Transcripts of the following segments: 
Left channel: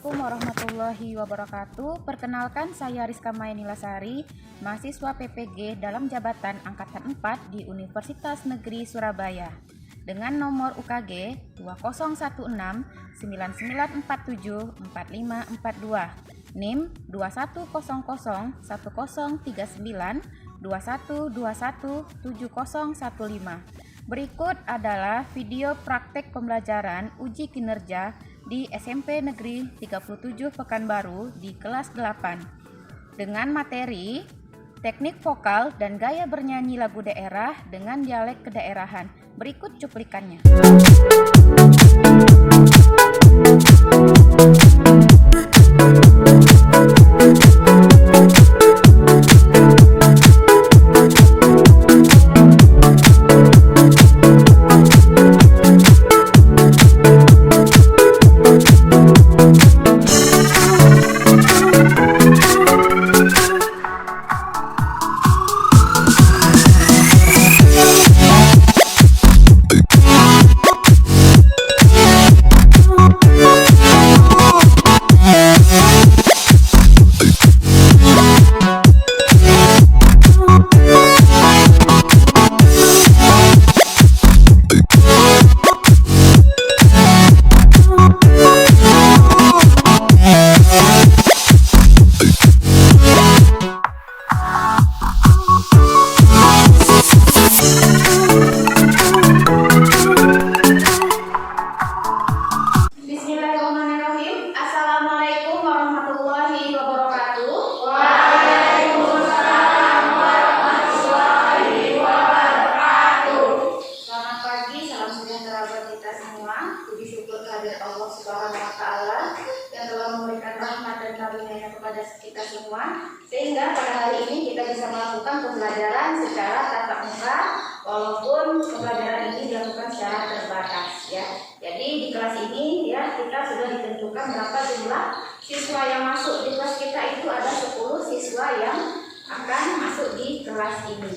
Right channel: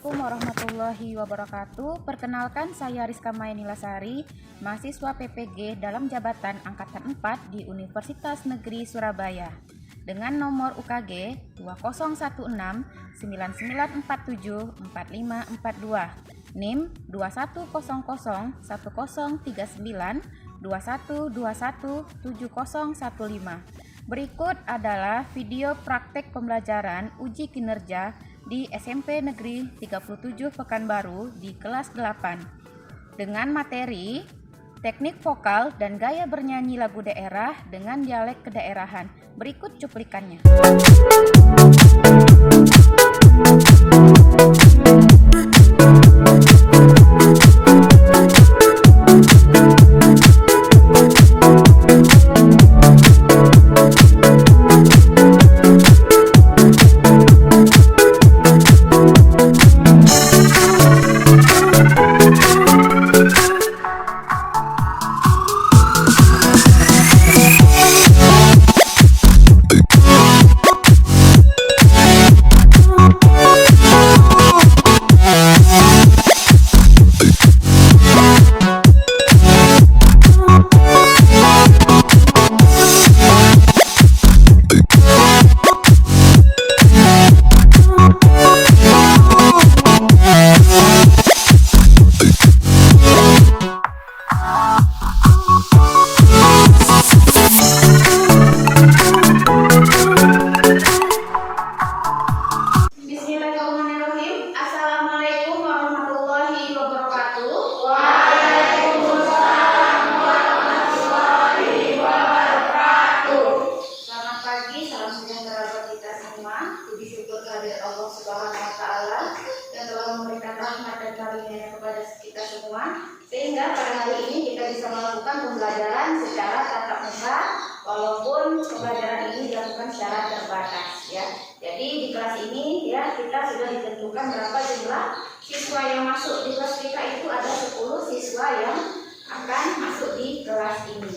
Assalamualaikum warahmatullahi wabarakatuh. Perkenalkan, saya Rizka Mayanilasari, mahasiswa PPG dalam jabatan Angkatan 4 di Universitas Negeri Surabaya dengan nomor UKG 201699474542, NIM 2100103921217015. Berikut adalah video praktek pembelajaran uji kinerja di SMP Negeri 37 Pekanbaru di kelas 8 dengan materi teknik vokal dan gaya bernyanyi lagu daerah dengan dialek kedaerahan. Berikut cuplikannya. Kita semua, sehingga pada hari ini kita bisa melakukan pembelajaran secara tatap muka walaupun pembelajaran ini dilakukan secara terbatas ya. Jadi di kelas ini ya kita sudah ditentukan berapa jumlah siswa yang masuk di kelas kita, itu ada 10 siswa yang akan masuk di kelas ini.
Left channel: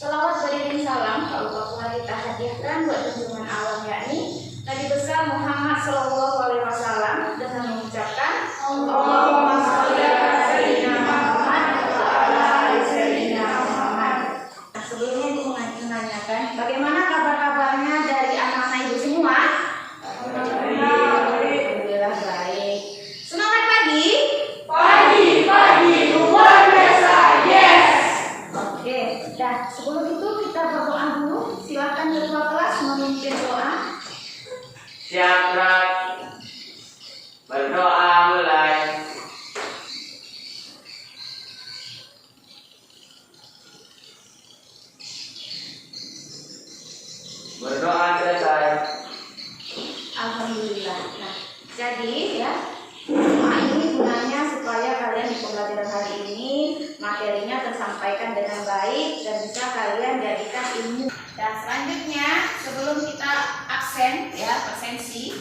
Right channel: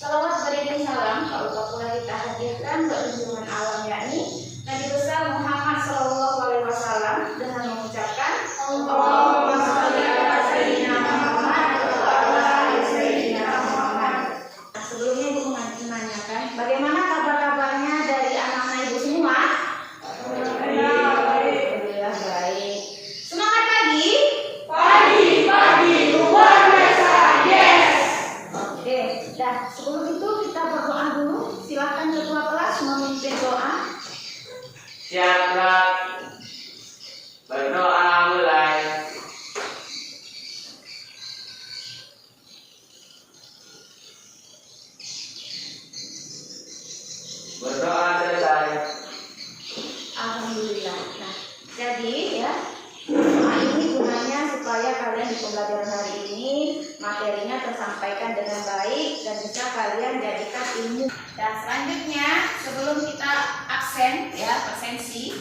Salawat beriring salam kalau kita hadiahkan buat junjungan alam yakni Nabi besar Muhammad SAW dengan mengucapkan Allahumma sholli ala sayyidina Muhammad wa ala ali sayyidina Muhammad. Nah, sebelumnya Ibu menanyakan bagaimana kabar-kabarnya dari anak-anak Ibu semua? Alhamdulillah baik. Semangat pagi. Pagi luar biasa. Yes. Oke, dah sebelum itu kita berdoa dulu. Silakan ketua kelas memimpin doa. Siap, berdoa mulai. Berdoa selesai. Alhamdulillah. Nah, jadi ya doa ini gunanya supaya kalian di pembelajaran hari ini materinya tersampaikan dengan baik dan bisa kalian jadikan ilmu. Dan selanjutnya sebelum kita absen ya absensi,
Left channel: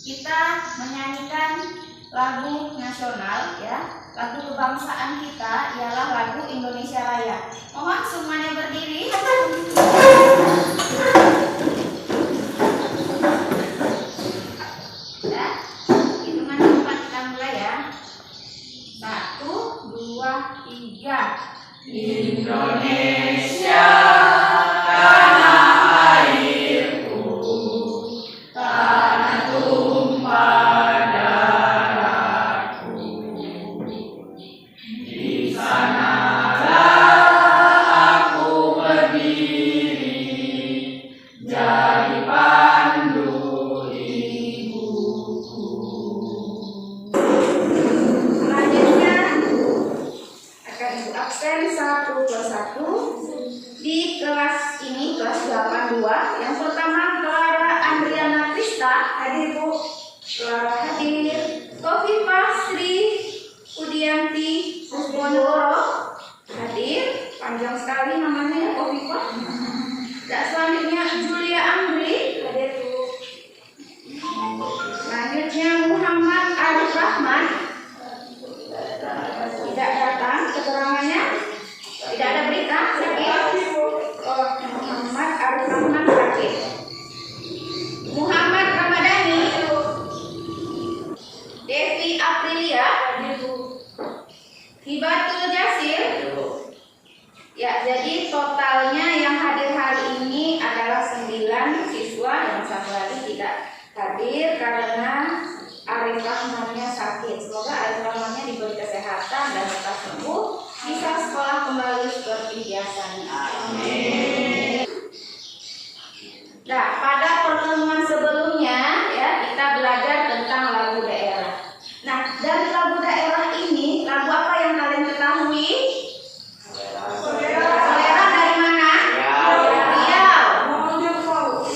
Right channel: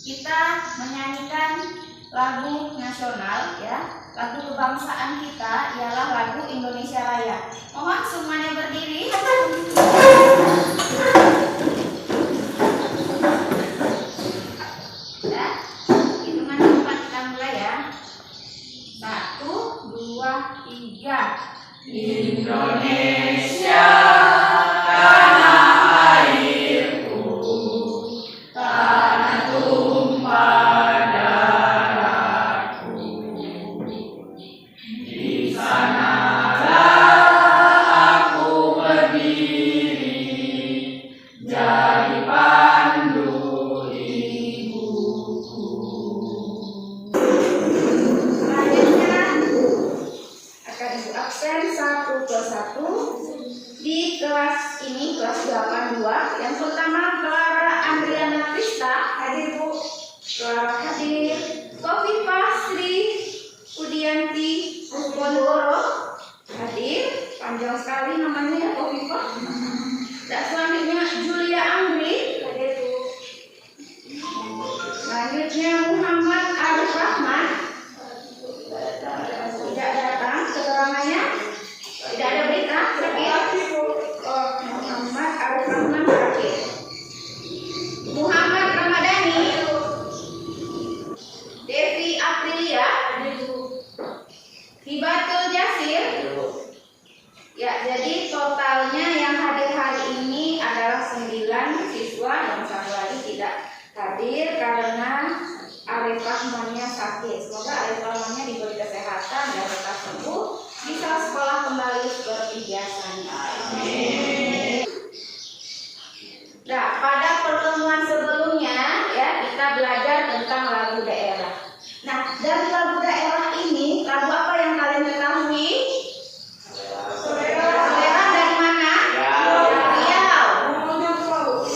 kita menyanyikan lagu nasional ya, lagu kebangsaan kita ialah lagu Indonesia Raya. Mohon semuanya berdiri. Ya, hitungan 4 kita mulai ya. 1, 2, 3. Indonesia absen satu persatu. Di Aprilia, Hibatul Jasir. Ya, jadi totalnya yang hadir hari ini adalah 9 siswa, yang satu lagi tidak hadir karena Arif Rahmannya sakit. Semoga Arif Rahmannya diberi kesehatan dan cepat sembuh, bisa sekolah kembali seperti biasanya. Amin. Nah, pada pertemuan sebelumnya ya kita belajar tentang lagu daerah. Nah, dari lagu daerah ini, lagu apa yang kalian ketahui? Selera dari mana? Riau.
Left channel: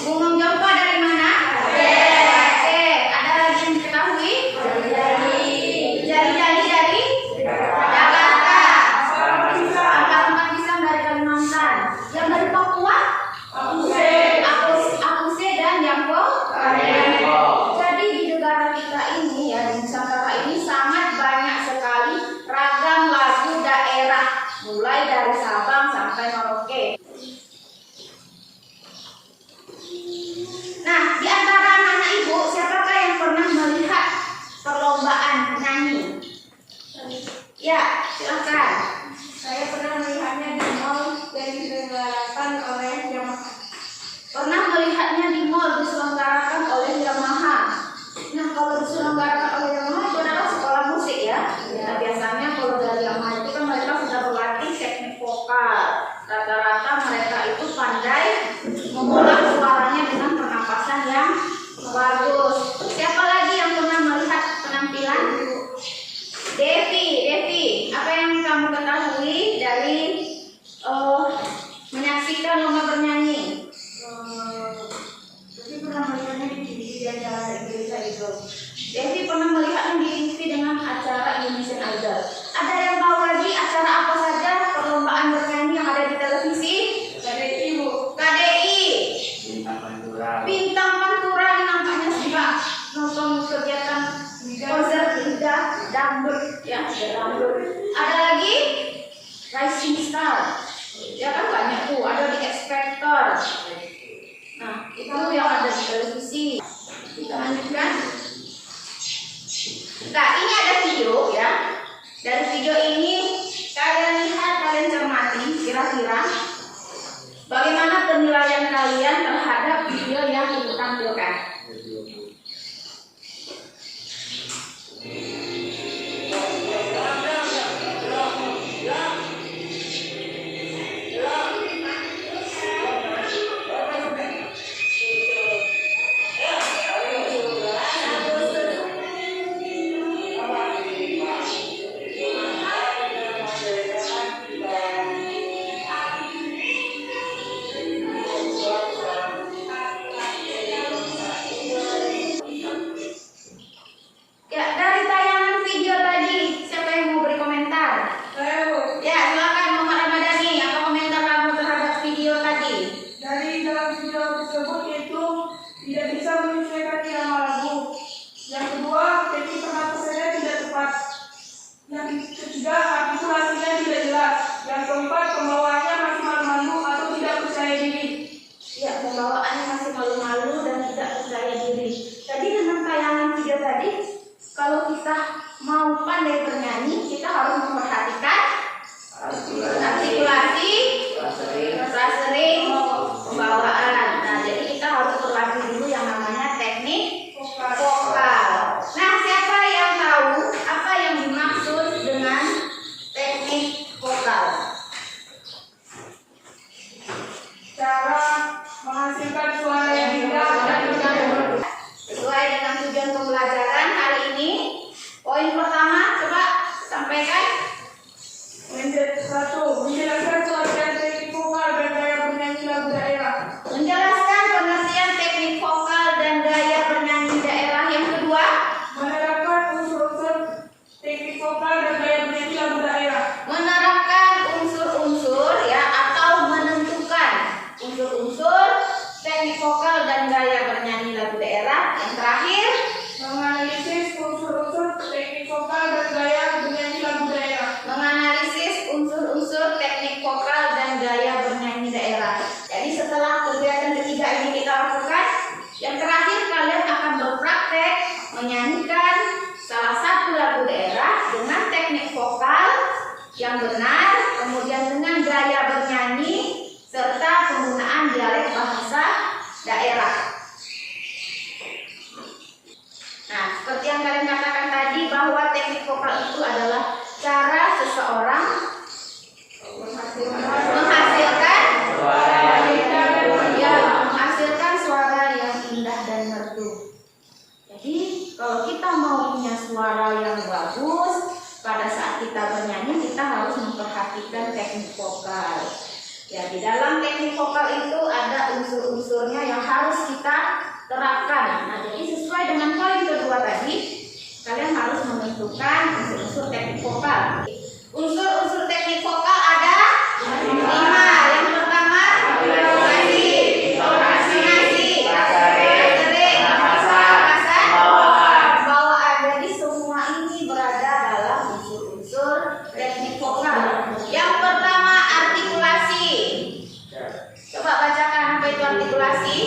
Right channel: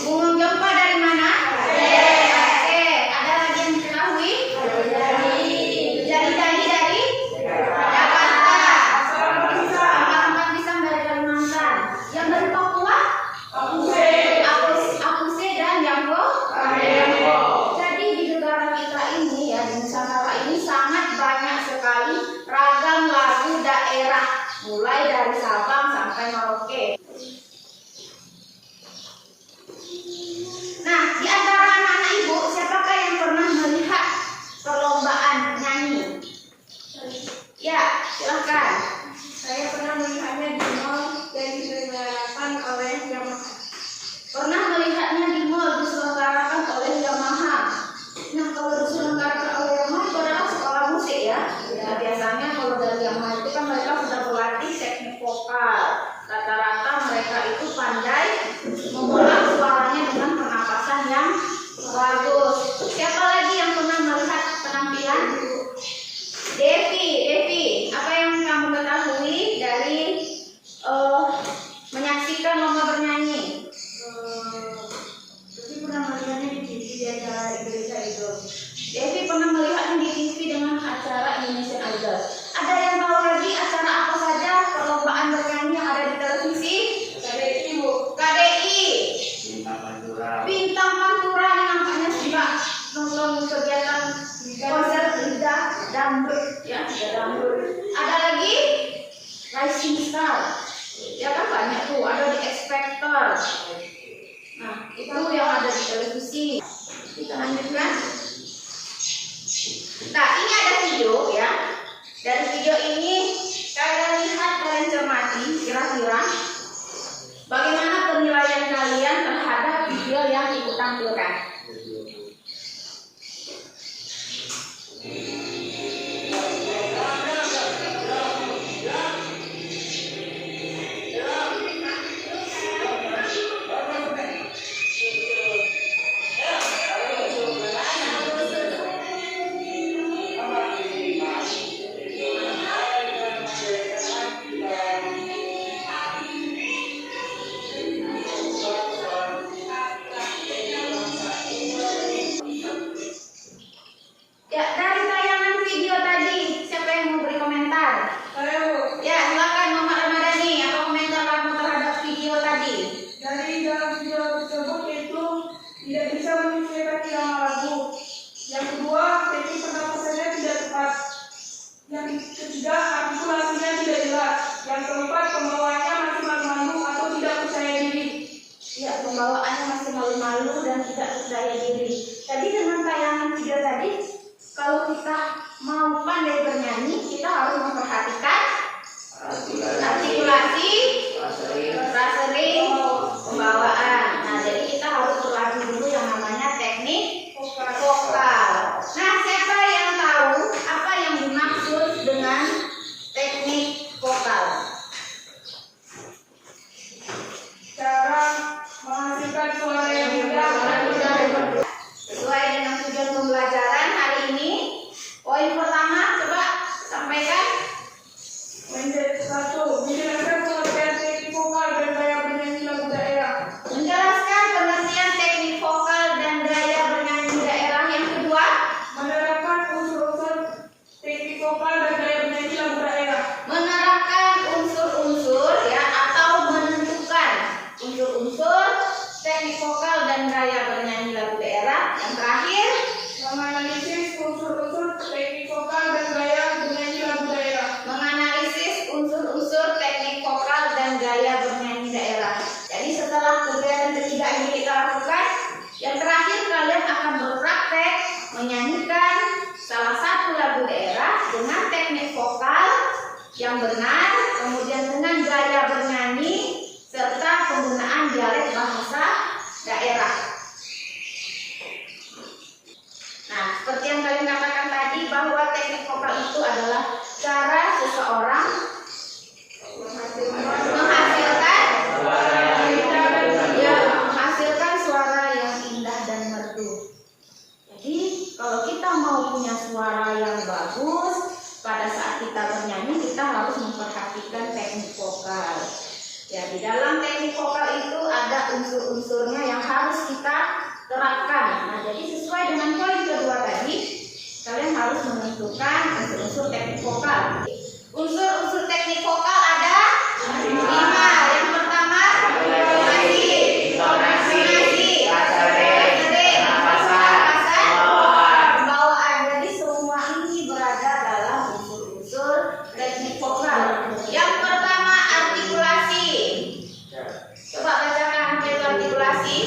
Bungung Jompa dari mana? Aceh. Ada lagi yang diketahui? Jari-jari dari Jakarta. Angkat pisang dari Kalimantan. Yang dari Papua? Akuse dan Jambo. Jadi di negara kita ini ya, di Nusantara ini sangat banyak sekali ragam lagu daerah, mulai dari Sabang sampai Merauke. Nah, di antara anak-anak ibu, siapakah yang pernah melihat perlombaan nyanyi? Ya, silahkan. Saya pernah melihatnya di mall dan diselenggarakan oleh Yamaha. Pernah melihatnya di mall diselenggarakan oleh Yamaha. Nah, kalau diselenggarakan oleh Yamaha itu adalah sekolah musik ya. Nah, biasanya kalau dari Yamaha itu kan mereka sudah berlatih teknik vokal. Rata-rata mereka itu pandai mengolah suaranya dengan pernapasan yang bagus. Siapa lagi yang pernah melihat penampilan? Devi, apa yang kamu ketahui dari menyaksikan lomba bernyanyi? Jadi pernah melihatnya di TV di acara Indonesia itu. Devi pernah melihatnya di TV dengan acara Indonesian Idol. Ada yang tahu lagi acara apa saja perlombaan bernyanyi yang ada di televisi? KDI, Bu. KDI. Bintang Pantura. Bintang Pantura ini nampaknya suka nonton kegiatan konser lidah dangdut ya, dangdut. Ada lagi Rising Star. Ya kan banyak tuh, ada di X Factor. Nah, itu yang ada di televisi. Kita lanjutkan. Nah, ini ada video ya. Dari video ini kalian lihat, kalian cermati kira-kira bagaimana penilaian kalian terhadap video yang ibu tampilkan. Ya, dari tayangan video tadi, siapa yang mau beri komentar? Saya, Bu. Ya, silakan Muhammad Ramadhani. Apa komentar kamu terhadap video tadi? Dari dalam video tersebut itu tidak bisa menyesuaikan irama lagu. Yang kedua, teknik pernapasannya tidak tepat. Yang ketiga, artikulasinya tidak jelas. Yang keempat, pembawaannya masih malu-malu atau tidak percaya diri. Ya, pembawaannya masih malu-malu dan tidak percaya diri. Tadi dengan tayangan video tadi, kalau kita mau pandai bernyanyi, kita harus memperhatikan artikulasi, frasering, pembawaan. Nah, jadi kita harus berlatih dulu yang namanya teknik vokal. Nah, siapa yang tahu apa yang dimaksud dengan teknik vokal? Cara menghasilkan suara yang indah dan Sesuai dengan tujuan pembelajaran hari ini, poin pertama coba sampaikan. menjelaskan suara teknik vokal dan gaya bernyanyi lagu yang benar, kemudian dengan gaya bernyanyi, serta penggunaan dialek bahasa daerah. Nah, seperti yang kalian katakan tadi bahwa teknik vokal itu adalah cara seseorang menghasilkan suara yang indah dan merdu. Jadi, kalau kita mau punya suara yang bagus, pada saat kita bernyanyi kita harus memperhatikan teknik vokal. Ya, di dalam teknik vokal itu ada unsur-unsurnya yang harus kita terapkan. Nah, jadi sesuai dengan poin kedua tadi, kalian harus menentukan unsur-unsur teknik vokal. Unsur-unsur teknik vokal ada 5. Yang pertama, intonasi, napasan, bawaan. Jadi semua ini berada dalam unsur-unsur teknik vokal. Yang pertama, artikulasi. Coba bacakan apa itu artikulasi.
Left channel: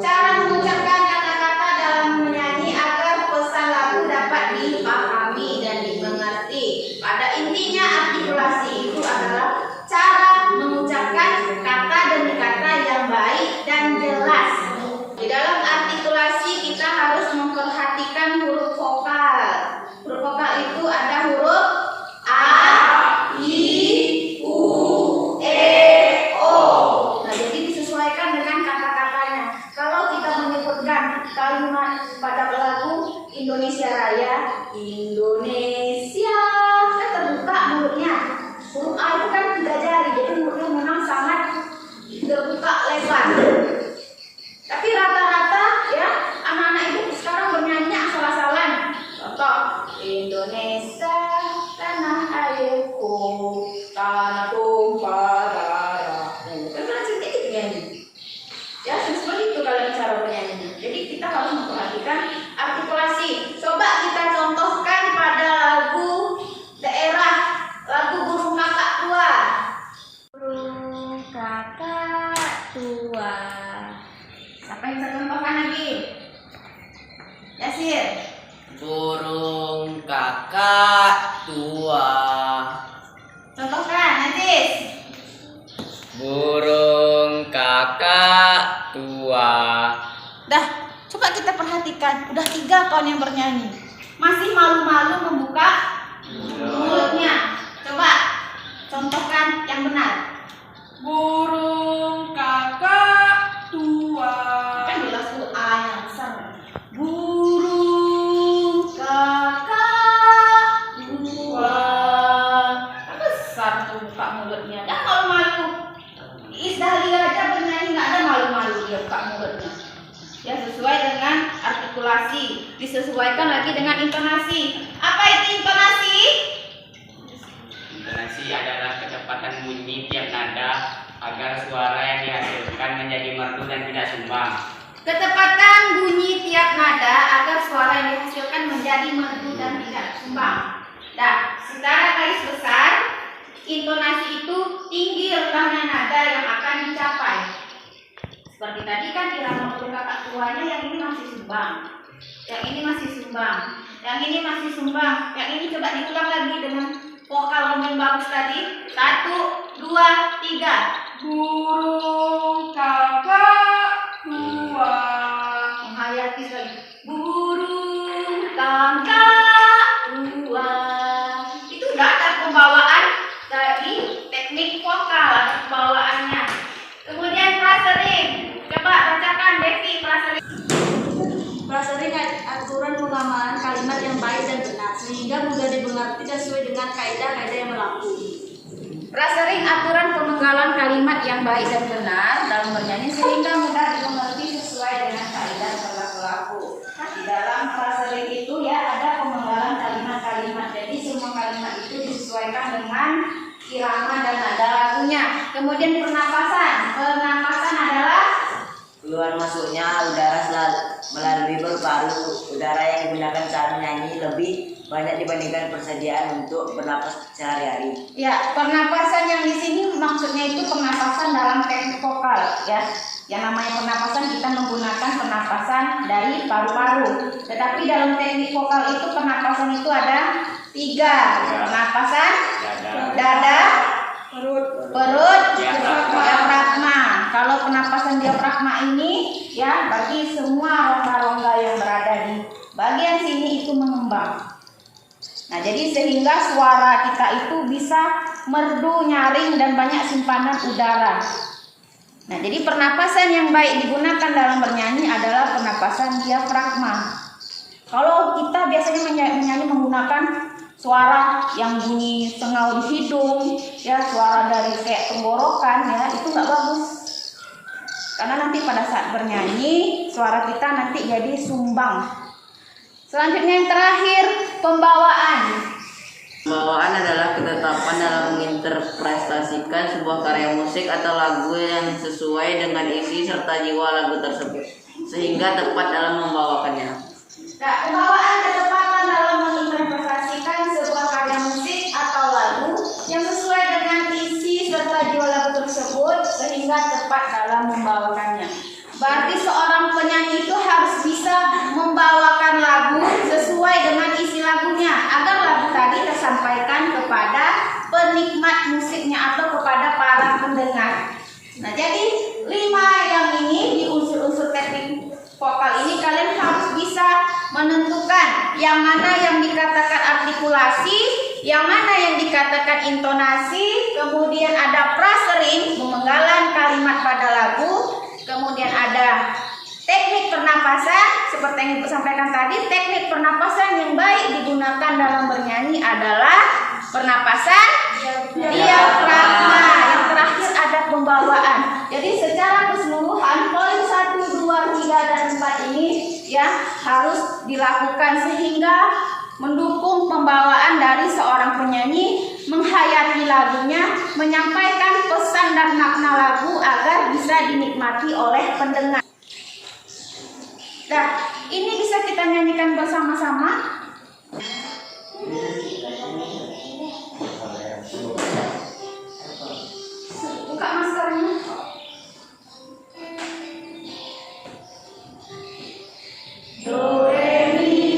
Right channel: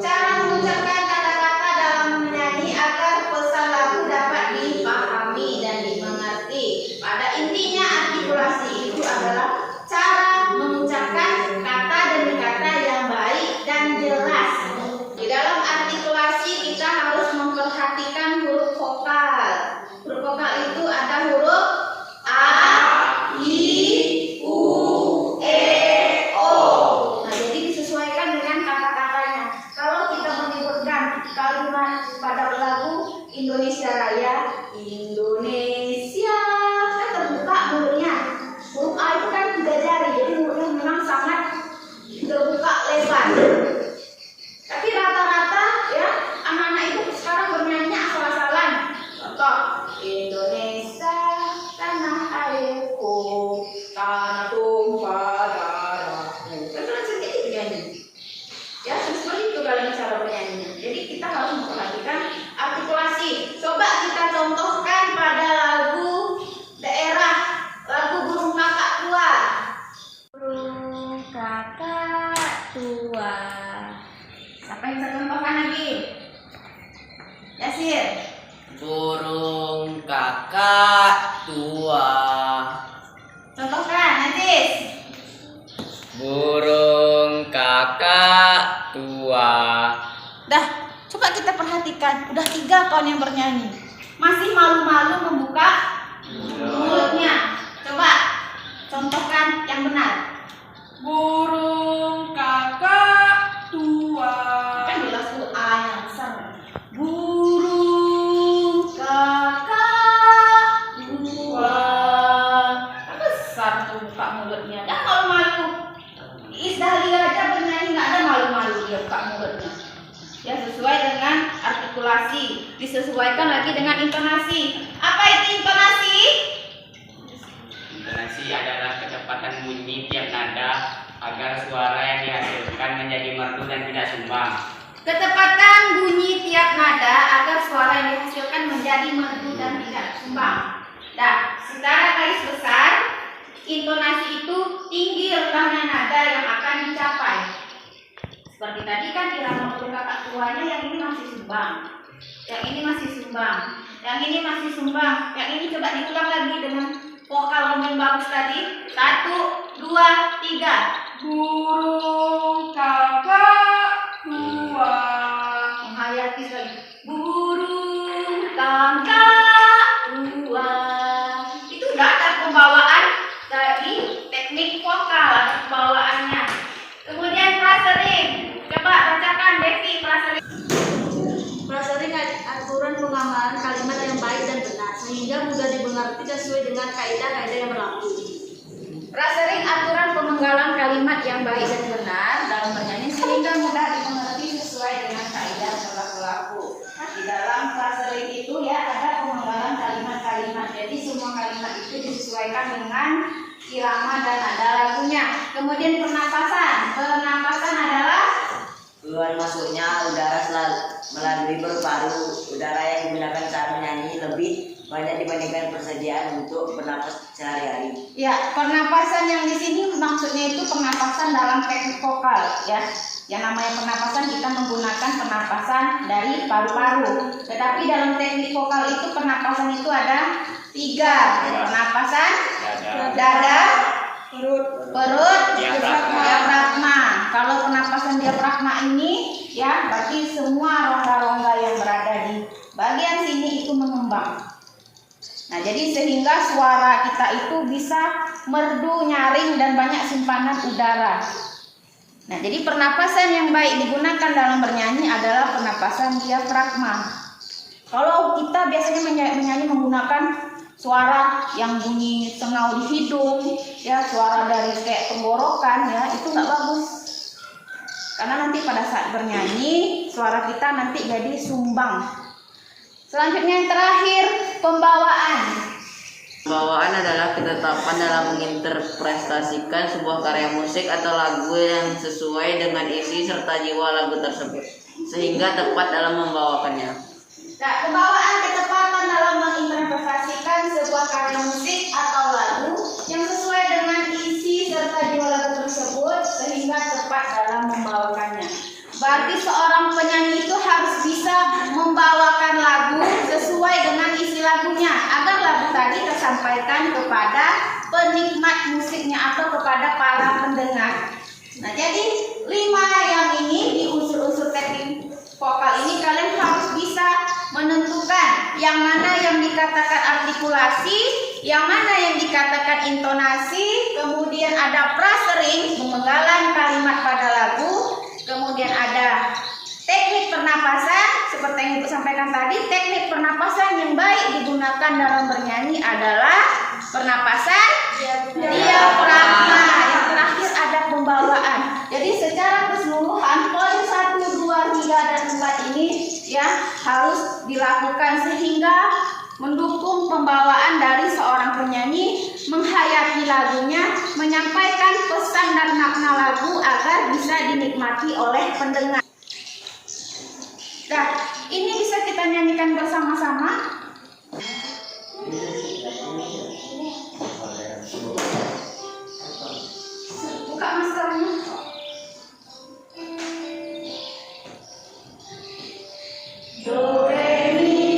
Cara mengucapkan kata-kata dalam menyanyi agar pesan lagu dapat dipahami dan dimengerti. Pada intinya artikulasi itu adalah cara mengucapkan kata demi kata yang baik dan jelas. Di dalam artikulasi kita harus memperhatikan huruf vokal. Huruf vokal itu ada huruf A, I, U, E, O. Nah, jadi disesuaikan dengan kata-katanya. Kalau kita menyebutkan kalimat pada lagu Indonesia Raya, Indonesia, kan terbuka mulutnya. Huruf A itu kan 3 jari, jadi mulutnya memang sangat terbuka lebar. Tapi rata-rata ya anak-anak itu sekarang bernyanyi asal-asalan. Contoh, Indonesia tanah airku, tanah tumpah darahku. Kan sedikit nyanyi. Ya, seperti itu kalian cara bernyanyi. Jadi kita harus memperhatikan artikulasi. Coba kita contohkan pada lagu daerah, lagu Burung Kakak Tua. Burung Kakak Tua. Siapa yang bisa contohkan lagi? Yasir. Burung kakak tua. Contohkan, Najis. Burung kakak tua. Dah, coba kita perhatikan. Udah 3 kawan yang bernyanyi. Masih malu-malu membuka mulutnya. Coba contohkan yang benar. Burung kakak tua. Kan jelas tuh A yang besar. Burung kakak tua. Kan besar tuh buka mulutnya. Dan malu-malu. Iis Dahlia aja bernyanyi nggak ada malu-malu dia buka mulutnya. Ya, sesuai dengan artikulasi. Disesuaikan lagi dengan intonasi. Apa itu intonasi? Intonasi adalah kecepatan bunyi tiap nada agar suara yang dihasilkan menjadi merdu dan tidak sumbang. Kecepatan bunyi tiap nada agar suara yang dihasilkan menjadi merdu dan tidak sumbang. Nah, secara garis besar, intonasi itu tinggi rendahnya nada yang akan dicapai. Seperti tadi kan irama burung kakak tuanya yang ini masih sumbang, yang ini masih sumbang, yang ini masih sumbang, yang ini coba diulang lagi dengan vokal yang bagus tadi. 1, 2, 3. Burung kakak tua. Menghayati sekali. Burung kakak tua. Itu udah ada pembawaan dari teknik vokal, ada pembawaannya. Kemudian frasering. Coba bacakan Devi frasering. Frasering aturan pengamalan kalimat yang baik dan benar sehingga mudah dimengerti dan sesuai dengan kaidah-kaidah yang berlaku. Frasering aturan pemenggalan kalimat yang baik dan benar dalam bernyanyi sehingga mudah dimengerti sesuai dengan kaidah yang berlaku. Di dalam frasering itu ya ada pemenggalan kalimat-kalimat. Jadi semua kalimat itu disesuaikan dengan irama dan nada lagunya. Kemudian pernapasan. Pernapasan adalah keluar masuknya udara melalui paru-paru. Udara yang digunakan saat menyanyi lebih banyak dibandingkan persediaan untuk bernapas sehari-hari. ya, pernapasan yang di sini maksudnya itu pernapasan dalam teknik vokal ya. Yang namanya pernapasan kita menggunakan pernapasan dari paru-paru. Tetapi dalam teknik vokal itu pernapasan itu ada 3. Pernapasan dada, perut, diafragma. Kalau pernapasan diafragma ini ya berarti semua rongga-rongga yang berada di bagian sini itu mengembang. Nah, jadi sehingga suara kita itu bisa merdu, nyaring, dan banyak simpanan udara. Nah, jadi pernapasan yang baik digunakan dalam bernyanyi adalah pernapasan diafragma. Kalau kita biasanya menyanyi menggunakan suara yang bunyi sengau di hidung, ya suara dari kayak tenggorokan, ya itu nggak bagus. Karena nanti pada saat bernyanyi suara kita nanti jadi sumbang. Selanjutnya yang terakhir, pembawaan. Pembawaan adalah ketetapan dalam menginterpretasikan sebuah karya musik atau lagu yang sesuai dengan isi serta jiwa lagu tersebut, sehingga tepat dalam membawakannya. Nah, pembawaan ketepatan dalam menginterpretasikan sebuah karya musik atau lagu yang sesuai dengan isi serta jiwa lagu tersebut, sehingga tepat dalam membawakannya. Berarti seorang penyanyi itu harus bisa membawakan lagu sesuai dengan isi lagunya agar lagu tadi tersampaikan kepada penikmat musiknya atau kepada para pendengar. Nah, jadi 5 yang ini di unsur-unsur teknik vokal ini kalian harus bisa menentukan yang mana yang dikatakan artikulasi, yang mana yang dikatakan intonasi, kemudian ada prasering, pemenggalan kalimat pada lagu. Kemudian ada teknik pernapasan, seperti yang Ibu sampaikan tadi. Teknik pernapasan yang baik digunakan dalam bernyanyi adalah pernapasan diafragma. Yang terakhir ada pembawaan. Jadi secara keseluruhan poin 1, 2, 3, dan 4 ini ya harus dilakukan sehingga mendukung pembawaan dari seorang penyanyi, menghayati lagunya, menyampaikan pesan dan makna lagu agar bisa dinikmati oleh pendengar. Nah, ini bisa kita nyanyikan bersama-sama. Buka maskernya. Do, re, mi.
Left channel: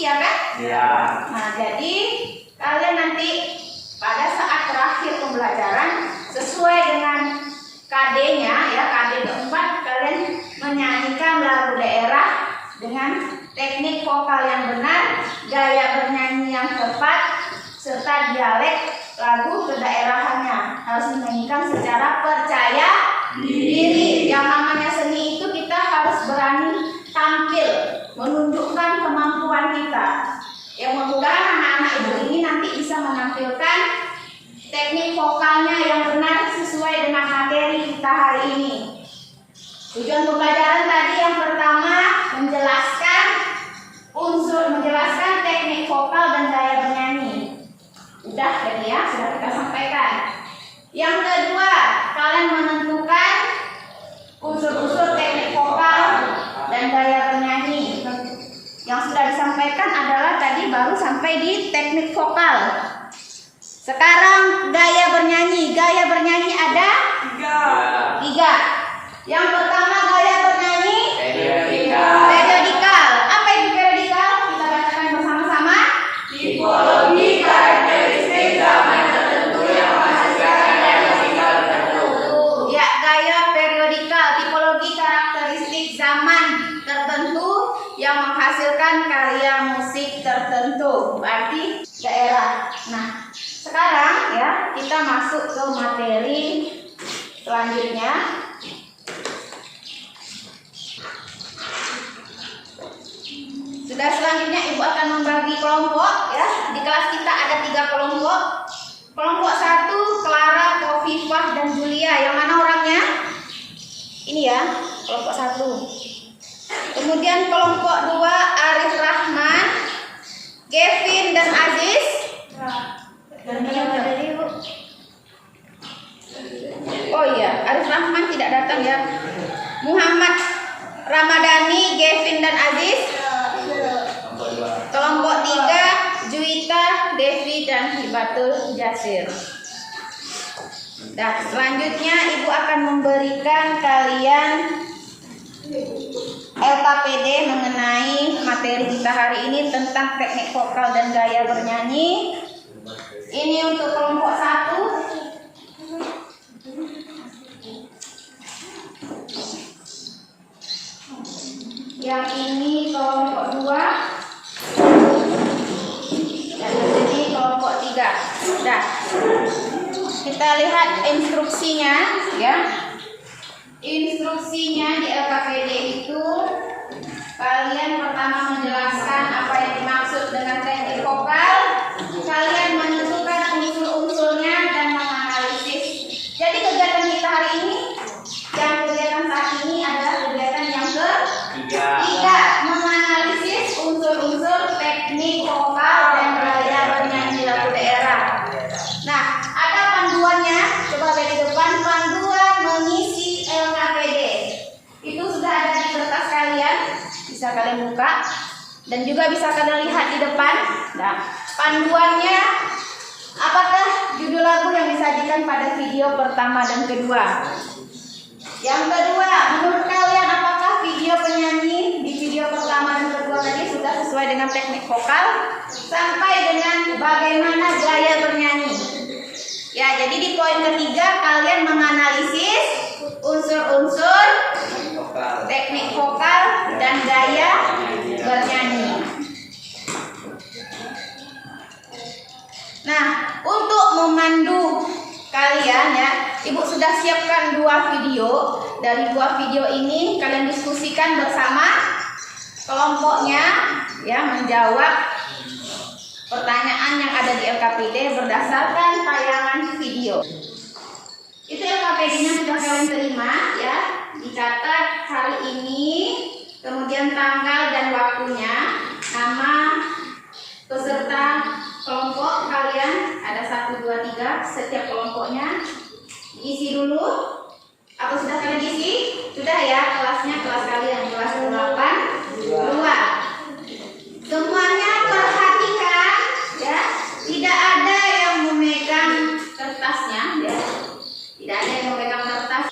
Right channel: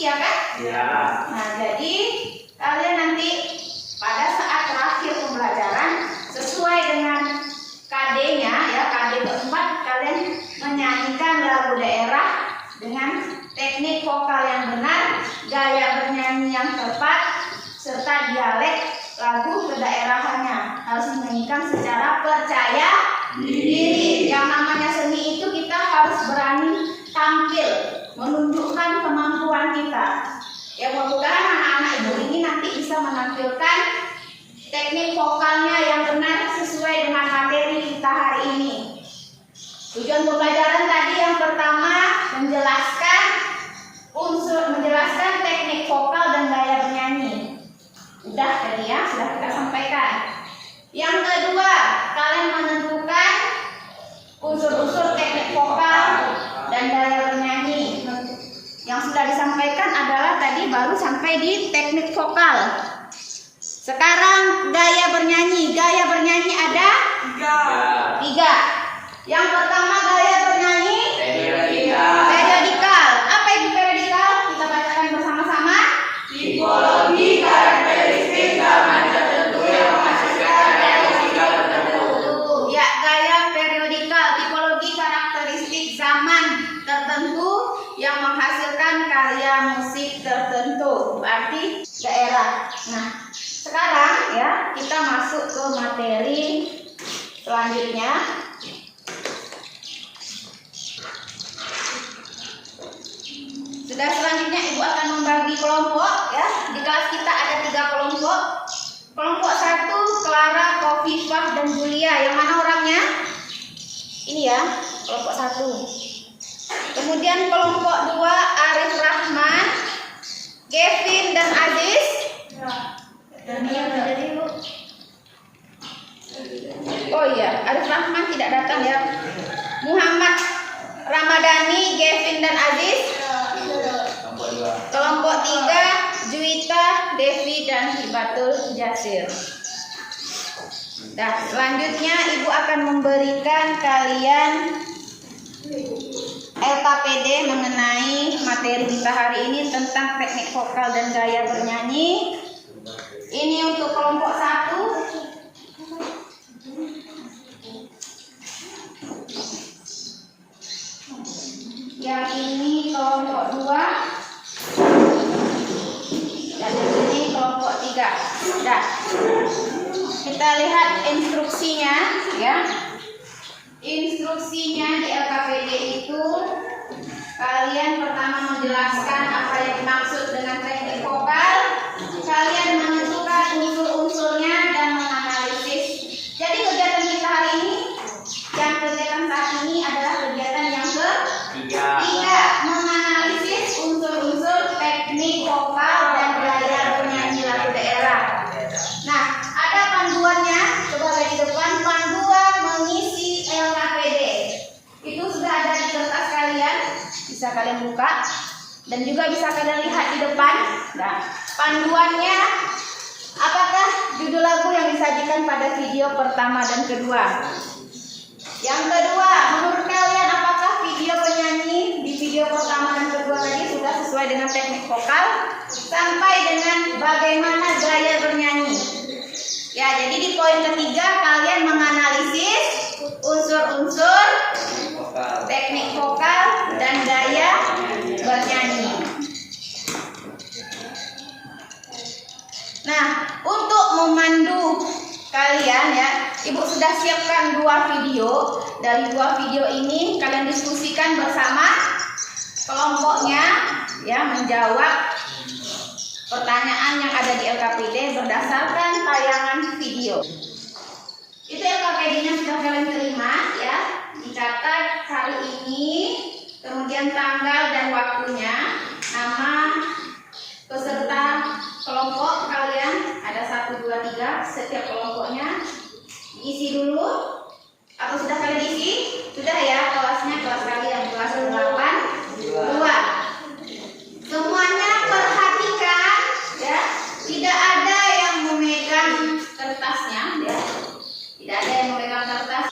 Iya kan? Iya. Nah, jadi kalian nanti pada saat terakhir pembelajaran sesuai dengan KD-nya ya, KD keempat, kalian menyanyikan lagu daerah dengan teknik vokal yang benar, gaya bernyanyi yang tepat, serta dialek lagu kedaerahannya. Harus dinyanyikan secara percaya diri. Yang namanya seni itu kita harus berani tampil, menunjukkan kemampuan kita. Ya, mudah-mudahan anak-anak ibu ini nanti bisa menampilkan teknik vokalnya yang benar sesuai dengan materi kita hari ini. Tujuan pembelajaran tadi yang pertama menjelaskan teknik vokal dan gaya bernyanyi. Udah tadi ya, sudah kita sampaikan. Yang kedua, kalian menentukan unsur-unsur teknik vokal dan gaya bernyanyi. Yang sudah disampaikan adalah tadi baru sampai di teknik vokal. Sekarang gaya bernyanyi. Gaya bernyanyi ada 3. Yang pertama gaya bernyanyi periodikal. Apa itu periodikal? Kita bacakan bersama-sama. Tipologi karakteristik zaman tertentu yang menghasilkan gaya musikal tertentu. Ya, gaya periodikal, tipologi karakteristik zaman tertentu yang menghasilkan karya musik tertentu. Berarti daerah. Nah, sekarang ya kita masuk ke materi selanjutnya. Sudah, selanjutnya Ibu akan membagi kelompok ya. Di kelas kita ada 3 kelompok. Kelompok 1 Clara, Kofifah, dan Julia. Yang mana orangnya? Ini ya, kelompok 1. Kemudian kelompok 2 Arif Rahman, Kevin, dan Aziz. Oh iya, Arif Rahman tidak datang ya. Muhammad Ramadhani, Kevin, dan Aziz. Kelompok 3 Juwita, Devi, dan Hibatul Jasir. Nah, selanjutnya Ibu akan memberikan kalian LKPD mengenai materi kita hari ini tentang teknik vokal dan gaya bernyanyi. Ini untuk kelompok 1. Yang ini kelompok 2. Dan yang ini kelompok 3. Nah, kita lihat instruksinya ya. Instruksinya di LKPD itu kalian pertama menjelaskan apa yang dimaksud dengan teknik vokal. Kalian menentukan unsur-unsurnya dan menganalisis. Jadi kegiatan kita hari ini, yang kegiatan saat ini adalah kegiatan yang ketiga, menganalisis unsur-unsur teknik vokal dan gaya bernyanyi lagu daerah. Nah, ada panduannya. Coba lihat di depan, panduan mengisi LKPD. Itu sudah ada di kertas kalian, bisa kalian buka dan juga bisa kalian lihat di depan. Nah, panduannya apakah judul lagu yang disajikan pada video pertama dan kedua? Yang kedua, menurut kalian apakah video penyanyi di video pertama dan kedua tadi sudah sesuai dengan teknik vokal sampai dengan bagaimana gaya bernyanyi? Ya, jadi di poin ketiga kalian menganalisis unsur-unsur teknik vokal dan gaya bernyanyi. Nah, untuk memandu kalian ya, Ibu sudah siapkan 2 video. Dari 2 video ini kalian diskusikan bersama kelompoknya ya, menjawab pertanyaan yang ada di LKPD berdasarkan tayangan video. Itu LKPD-nya sudah kalian terima ya, dicatat hari ini, kemudian tanggal dan waktunya, nama peserta kelompok kalian ada 1, 2, 3 setiap kelompoknya. Isi dulu. Apa sudah kalian isi? Sudah ya, kelasnya kelas kalian kelas 8-2. Semuanya perhatikan ya, tidak ada yang memegang kertasnya ya. Tidak ada yang memegang kertas.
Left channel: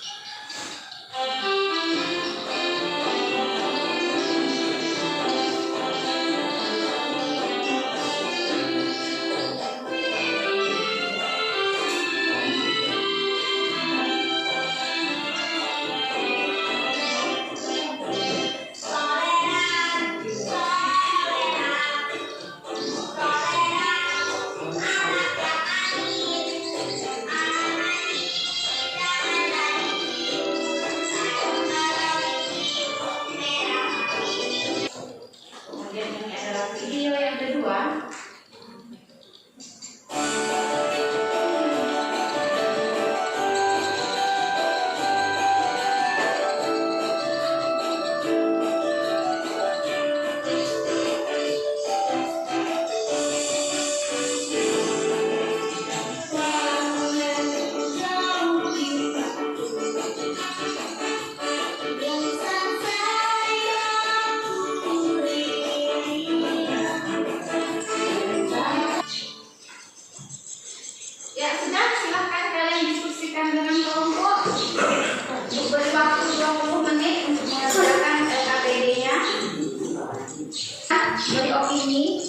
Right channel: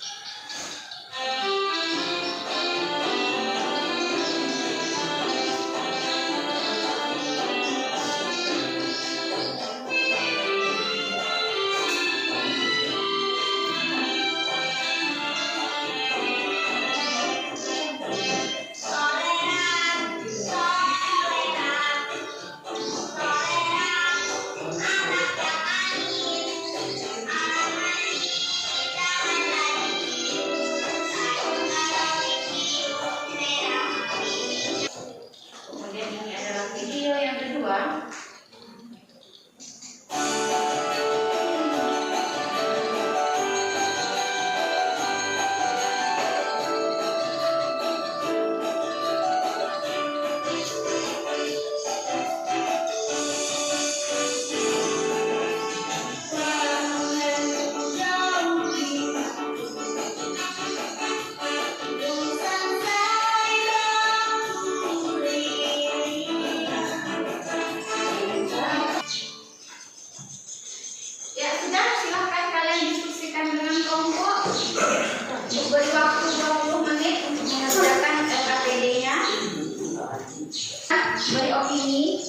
opini.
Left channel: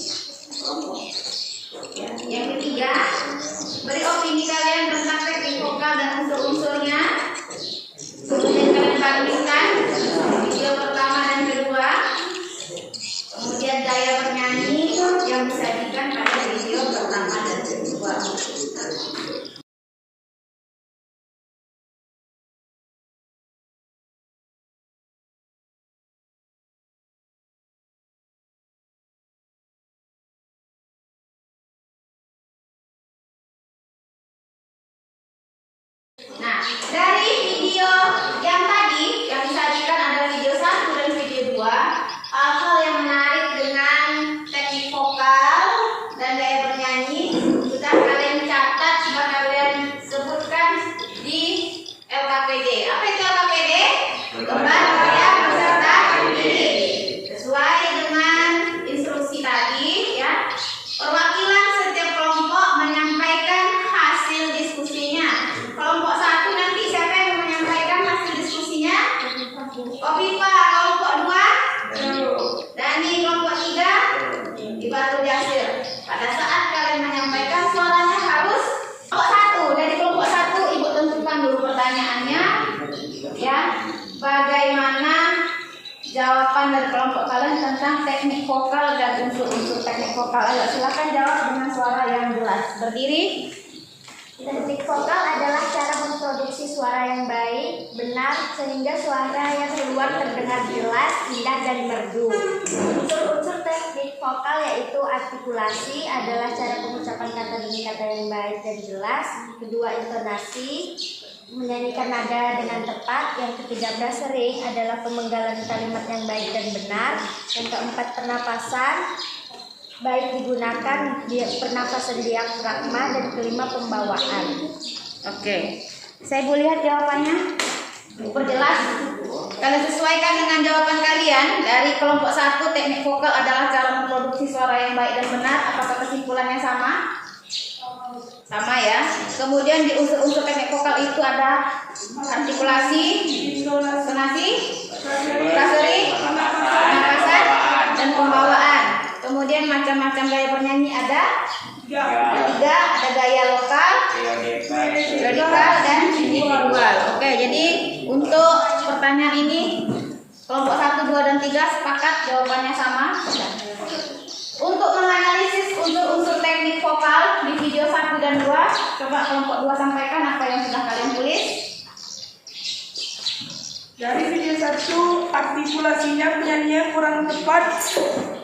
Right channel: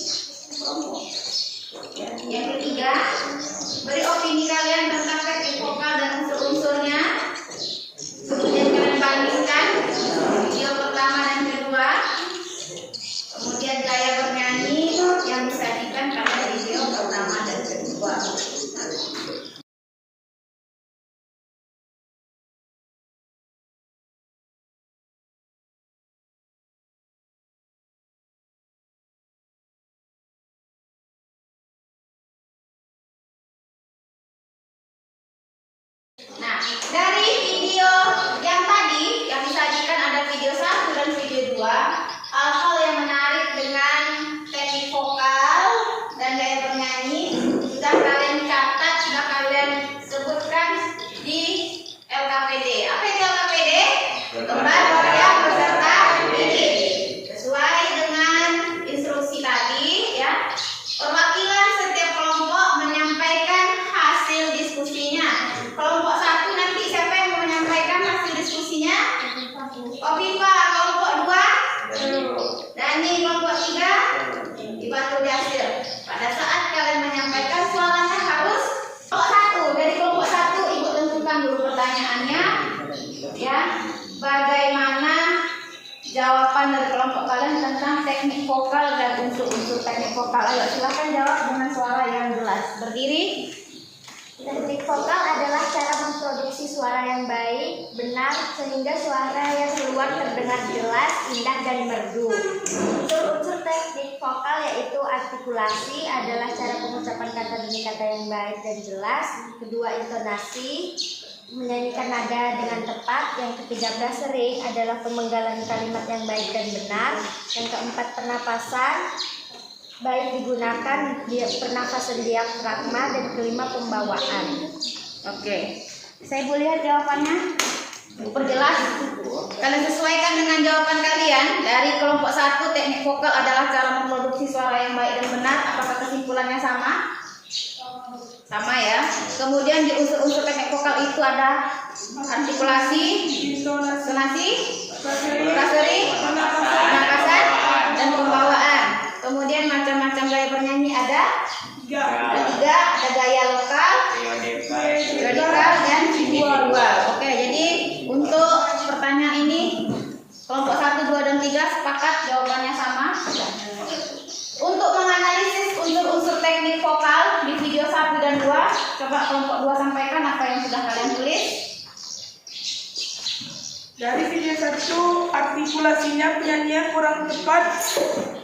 Ya. Yang ketiga, beri opini kalian tentang teknik vokal dan unsur-unsurnya. Kemudian kalian bandingkan video pertama dan kedua. Kemudian gaya bernyanyi yang disajikan pada video pertama dan kedua. Nah, dari video yang tadi yang disajikan ada video 1 dan video 2, hal-hal yang menarik dengan teknik vokal dan gaya bernyanyi sudah kalian catat, sudah kalian sebutkan di LKPD. Apa itu LKPD? Lembar kerja peserta didik. Sesuai dengan instruksi tadi ya. Perwakilan setiap kelompok menyampaikan hasil diskusinya. Kelompok 1 nanti siapa yang menyampaikan hasil diskusinya? Kopipa. Kelompok 2 Dani. Kelompok 3 Ibatu Jasir. Pada saat kalian menyampaikan suaranya harus kelompok 1. Dari kelompok 1 Ibu tentukan dulu pertanyaannya ya. Bagaimana jawaban dari kelompok kalian tentang teknik vokal dan unsur-unsur teknik vokal? Ayo silakan jawab dengan suara yang jelas. Berdiri. Teknik vokal adalah cara memproduksi suara yang baik, benar, sehingga suara yang keluar terdengar jelas, indah, dan merdu. Unsur-unsur teknik vokal yaitu artikulasi adalah cara pengucapan kata demi kata yang baik dan jelas. Kedua, intonasi, menyanyikan nada dengan tepat. Yang ketiga, brasering adalah pemenggalan kalimat yang baik dan benar. Yang keempat, pernapasan, baik digunakan pernafasan diafragma. Dan kelima, pembawaan. Oke, saya boleh lihat jawabannya. Perjelas. Kalian sesuaikan dengan jawaban kalian. Dari kelompok 1, teknik vokal adalah cara memproduksi suara yang baik dan benar. Apakah kesimpulannya sama? Sama ya. Kemudian di unsur-unsur teknik vokal itu ada artikulasi, intonasi, brasering, pernapasan, dan pembawaan. Kemudian macam-macam gaya bernyanyi ada 3, ada gaya lokal, radikal, dan individual. Oke, jadi untuk pertanyaan ini kelompok 1, 2, dan 3 sepakat jawabannya sama. Untuk menganalisis unsur-unsur teknik vokal di video 1 dan 2, coba kelompok 2 sampaikan apa yang sudah kalian tulis. Dari video 1, artikulasinya penyanyian kurang tepat.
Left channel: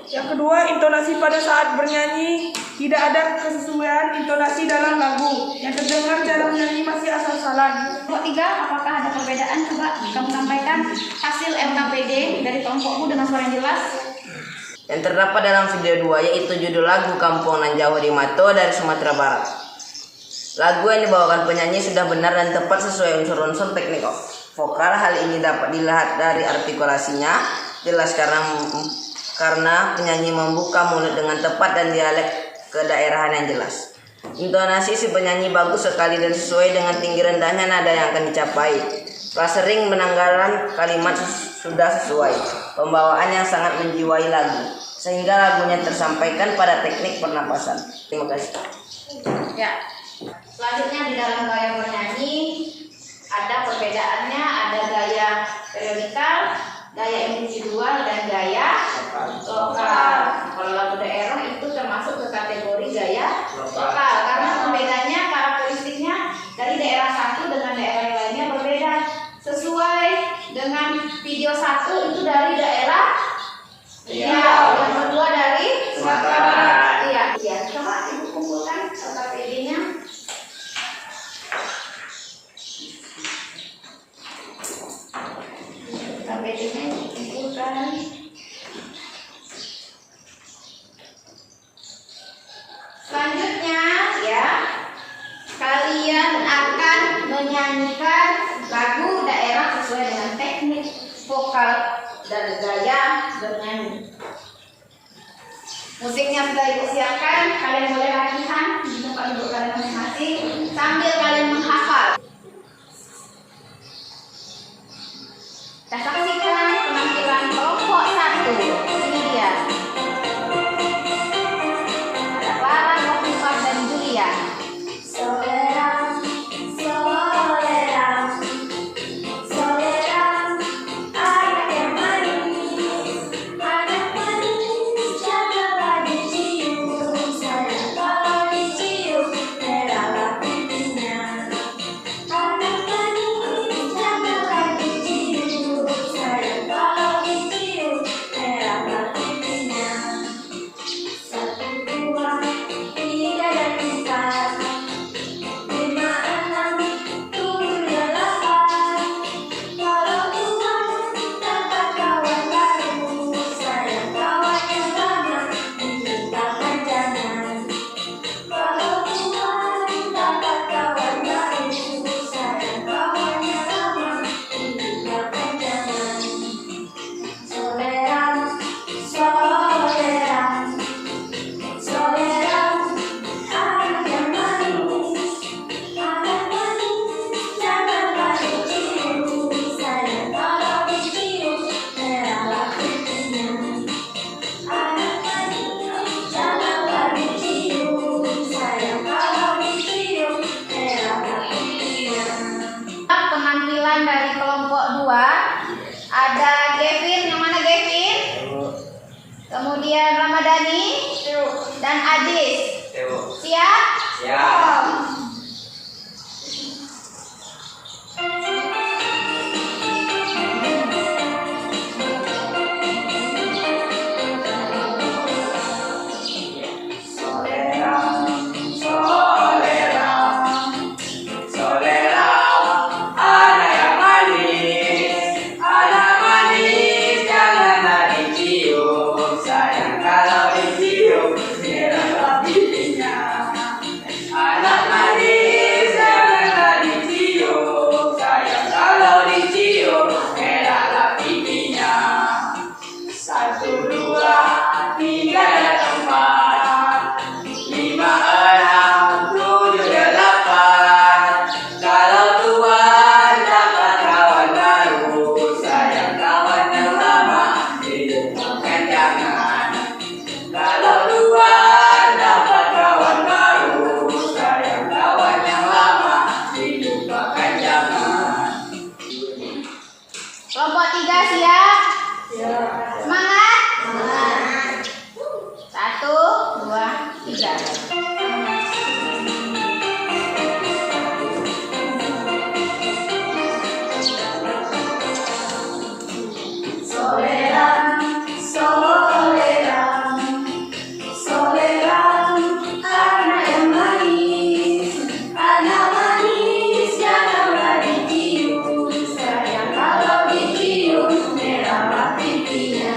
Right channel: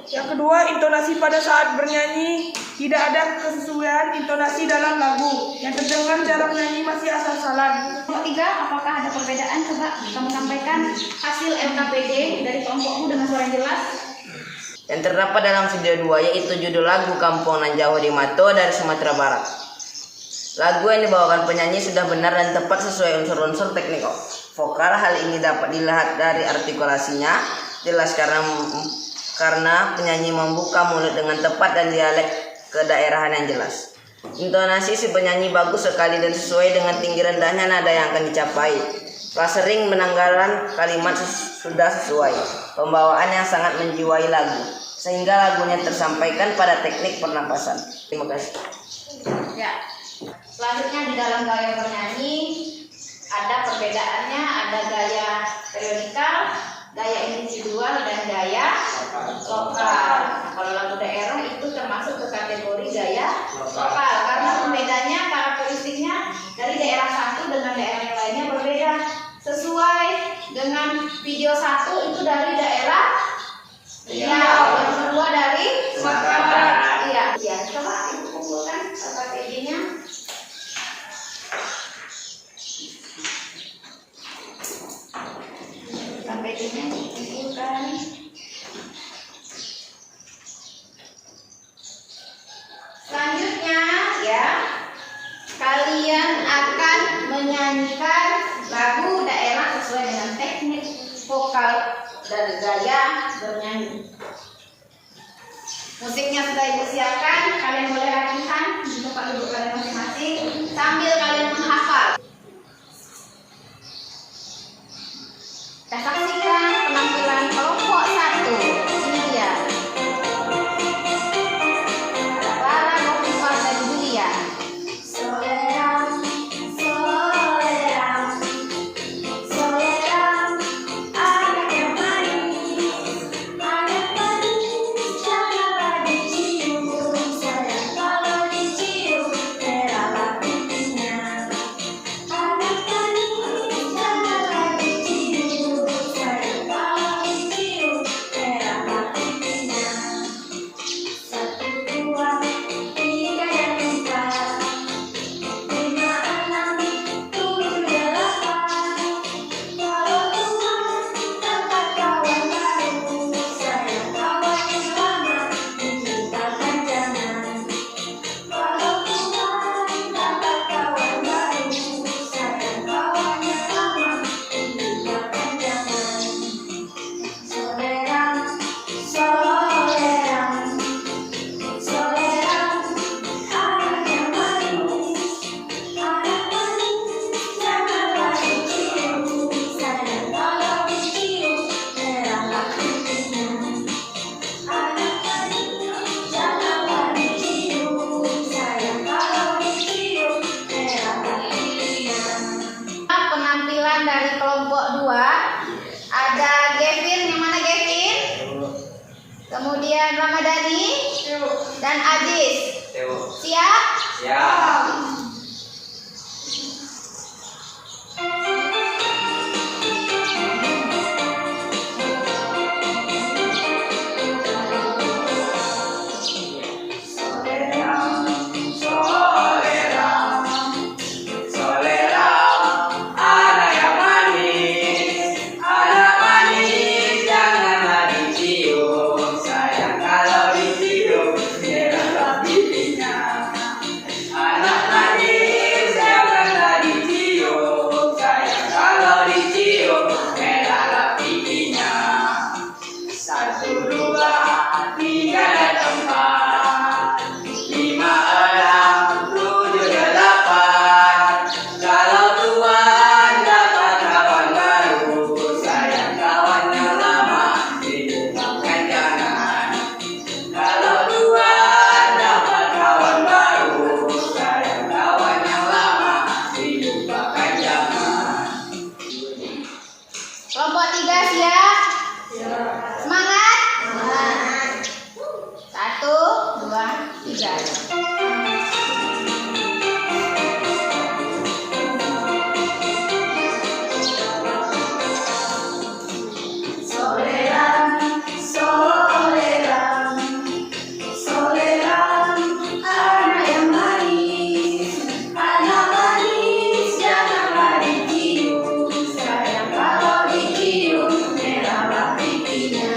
Yang kedua, intonasi pada saat bernyanyi tidak ada kesesuaian intonasi dalam lagu. Yang terdengar dalam nyanyi masih asal-asalan. Kelompok 3, apakah ada perbedaan? Coba kamu sampaikan hasil LKPD dari kelompokmu dengan suara yang jelas. Yang terdapat dalam video 2 yaitu judul lagu Kampung Nan Jawa di Mato dari Sumatera Barat. Lagu yang dibawakan penyanyi sudah benar dan tepat sesuai unsur-unsur teknik vokal. Hal ini dapat dilihat dari artikulasinya jelas karena penyanyi membuka mulut dengan tepat dan dialek kedaerahan yang jelas. Intonasi si penyanyi bagus sekali dan sesuai dengan tinggi rendahnya nada yang akan dicapai. Brasering menanggalan kalimat sudah sesuai. Pembawaan yang sangat menjiwai lagu sehingga lagunya tersampaikan pada teknik pernapasan. Terima kasih. Ya. Selanjutnya di dalam gaya bernyanyi ada perbedaannya, ada gaya periodikal, gaya individual, dan gaya lokal. Kalau lagu daerah itu termasuk ke kategori gaya lokal karena pembedanya, karakteristiknya dari daerah satu dengan daerah yang lainnya berbeda. Sesuai dengan video 1 itu dari daerah Riau, yang kedua dari Sumatera Barat. Iya, coba ibu kumpulkan LKPD-nya. LKPD-nya dikumpulkan. Selanjutnya ya, kalian akan menyanyikan lagu daerah sesuai dengan teknik vokal dan gaya bernyanyi. Musiknya sudah ibu siapkan, kalian boleh latihan di tempat duduk kalian masing-masing sambil kalian menghafal. Kita saksikan penampilan kelompok 1. Ini dia. 3. Soleran, soleran, soleran, anak yang manis, janganlah dicium, sayang kalau dicium merahlah pipinya.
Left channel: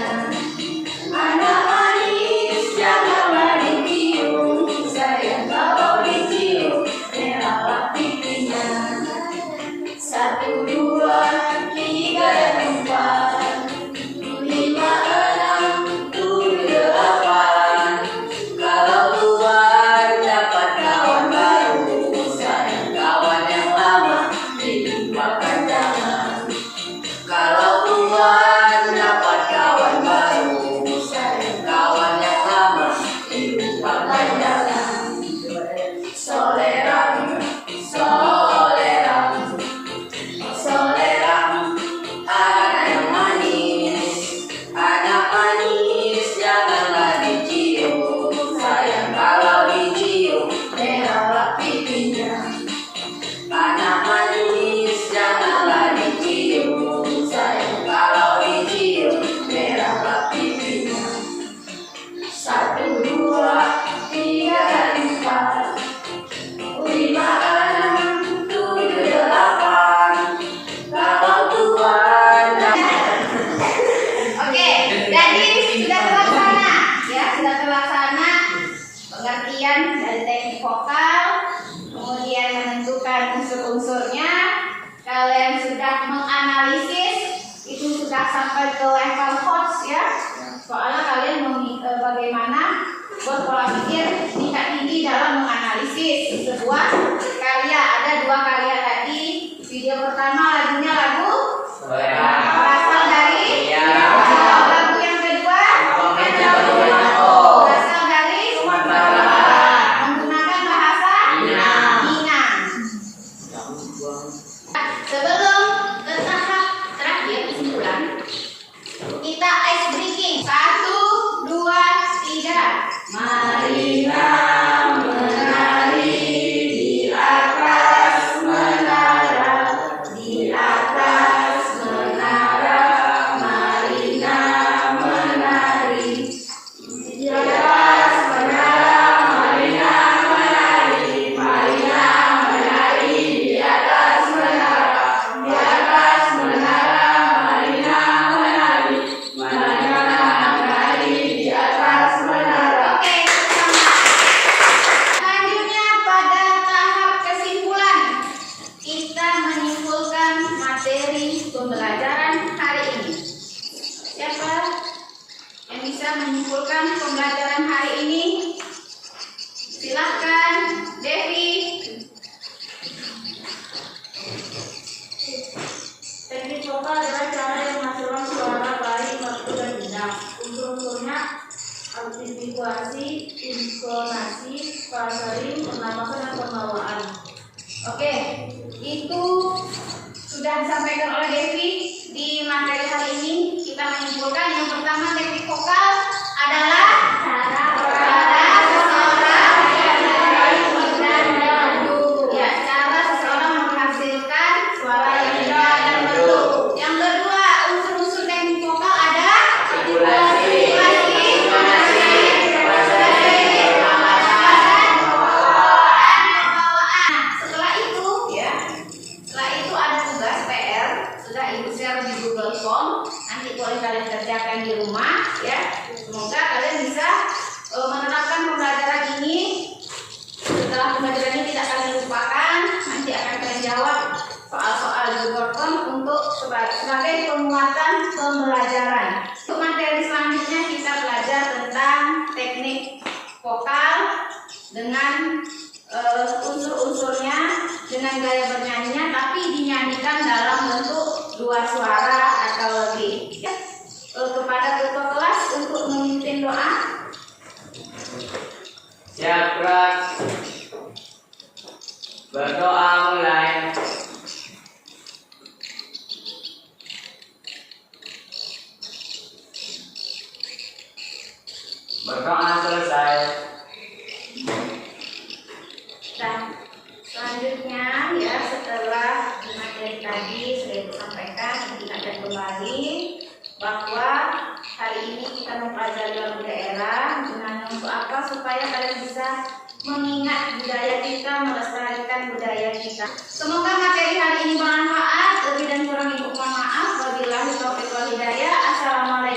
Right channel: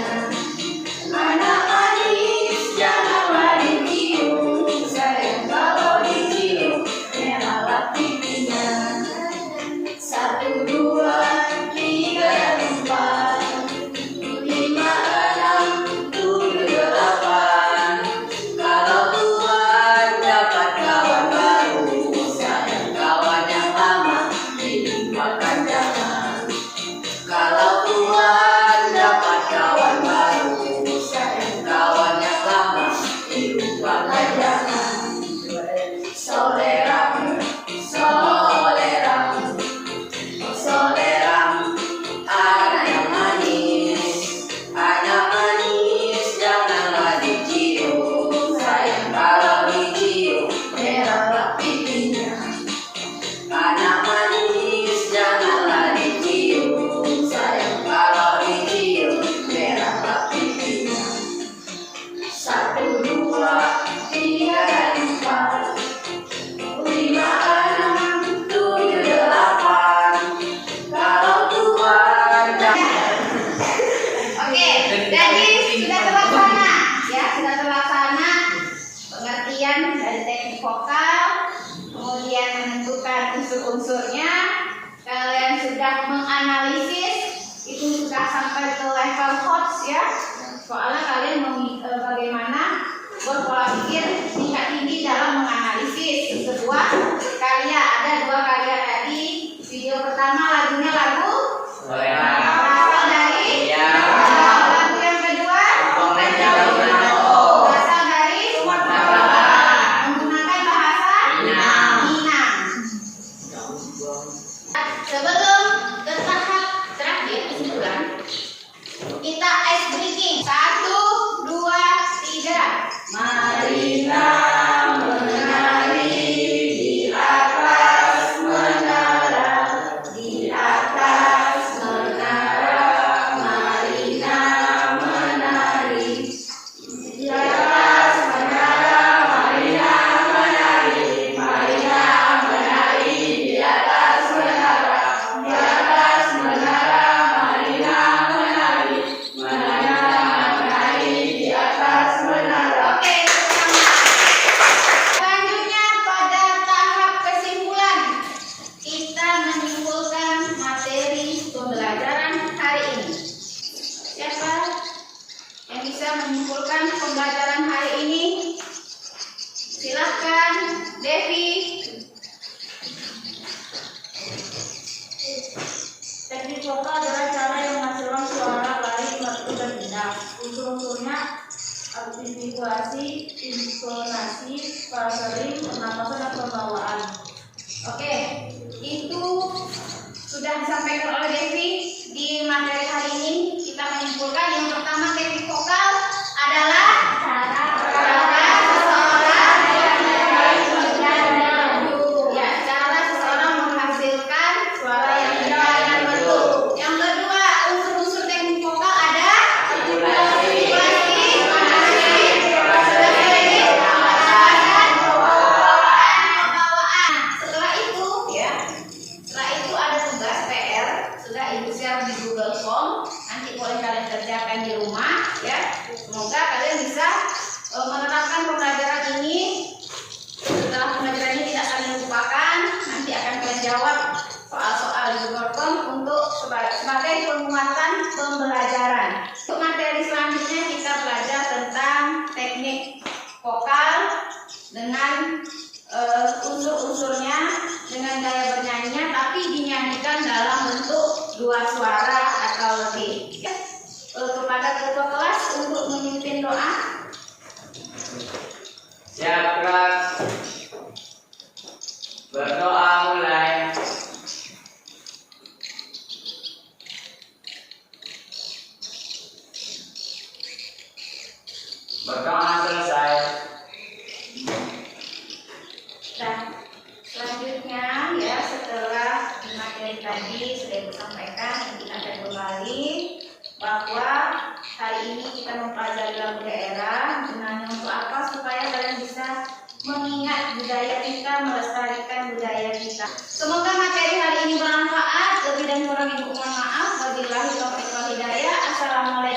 Anak manis, janganlah dicium, sayang kalau dicium merahlah pipinya. 1, 2, 3, 4, 5, 6, 7, 8. Kalau Tuhan dapat kawan baru, sayang kawan yang lama dilupakan jangan. Kalau Tuhan dapat kawan baru, sayang kawan yang lama dilupakan jangan. Soleran, soleran, soleran, anak yang manis, janganlah dicium, sayang kalau dicium merahlah pipinya. Anak manis, janganlah dicium, sayang kalau dicium merahlah pipinya. 1, 2, 3, 4, 5, 6, 7, 8. Kalau Tuhan Oke, jadi sudah terlaksana ya, sudah terlaksana pengertian dari teknik vokal, kemudian menentukan unsur-unsurnya. Kalian sudah menganalisis, itu sudah sampai ke level HOTS ya. Soalnya kalian bagaimana berpola pikir tingkat tinggi dalam menganalisis sebuah karya. Ada 2 karya tadi. Video pertama lagunya lagu berasal dari lagu yang kedua berasal dari menggunakan bahasa Minang. Sebelum ke tahap terakhir kesimpulan, kita ice breaking. 1, 2, 3. Marilah menari di atas menara, di atas menara. Marilah menari di atas menara, marilah menari, marilah menari di atas menara, di atas menara. Marilah menari, marilah menari di atas menara. Oke, selanjutnya pada tahap kesimpulan, kita menyimpulkan materi pembelajaran hari ini. Siapa yang bisa menyimpulkan pembelajaran hari ini? Silahkan, Devi. Teknik vokal adalah cara yang menghasilkan suara baik, merdu, dan indah. Unsur-unsurnya artikulasi, intonasi, frasering, pernapasan, dan pembawaan. Oke, itu sudah disampaikan oleh Devi di materi hari ini. Kita menyimpulkan yang pertama, teknik vokal adalah cara seseorang ya, cara seseorang menghasilkan suara yang indah dan merdu. Yang kedua, unsur-unsur teknik vokal ada artikulasi, pembawaan. Setelah itu ya, setelah itu ada tugas PR, sudah ibu share di Google Form, nanti boleh kalian kerjakan di rumah ya. Semoga kalian bisa menerapkan pembelajaran ini. Setelah pembelajaran ini tidak akan dilupakan, nanti akan kalian jawab soal-soal di Google Form untuk sebagai penguatan pembelajaran. Untuk materi selanjutnya kita belajar tentang teknik vokal dengan unsur-unsurnya, dengan gaya bernyanyinya, tapi dinyanyikan dalam bentuk 2 suara atau lebih. Ya. Kepada ketua kelas untuk memimpin doa. Siap kelas. Berdoa mulai. Berdoa selesai. kembali bahwa hari ini kita mempelajari lagu daerah. Gunanya untuk apa? Supaya kalian bisa mengingat budaya kita, melestarikan budaya kita. Semoga materi hari ini bermanfaat. Lebih dan kurang ibu mohon maaf. Wabillahi taufiq wal hidayah. Assalamualaikum.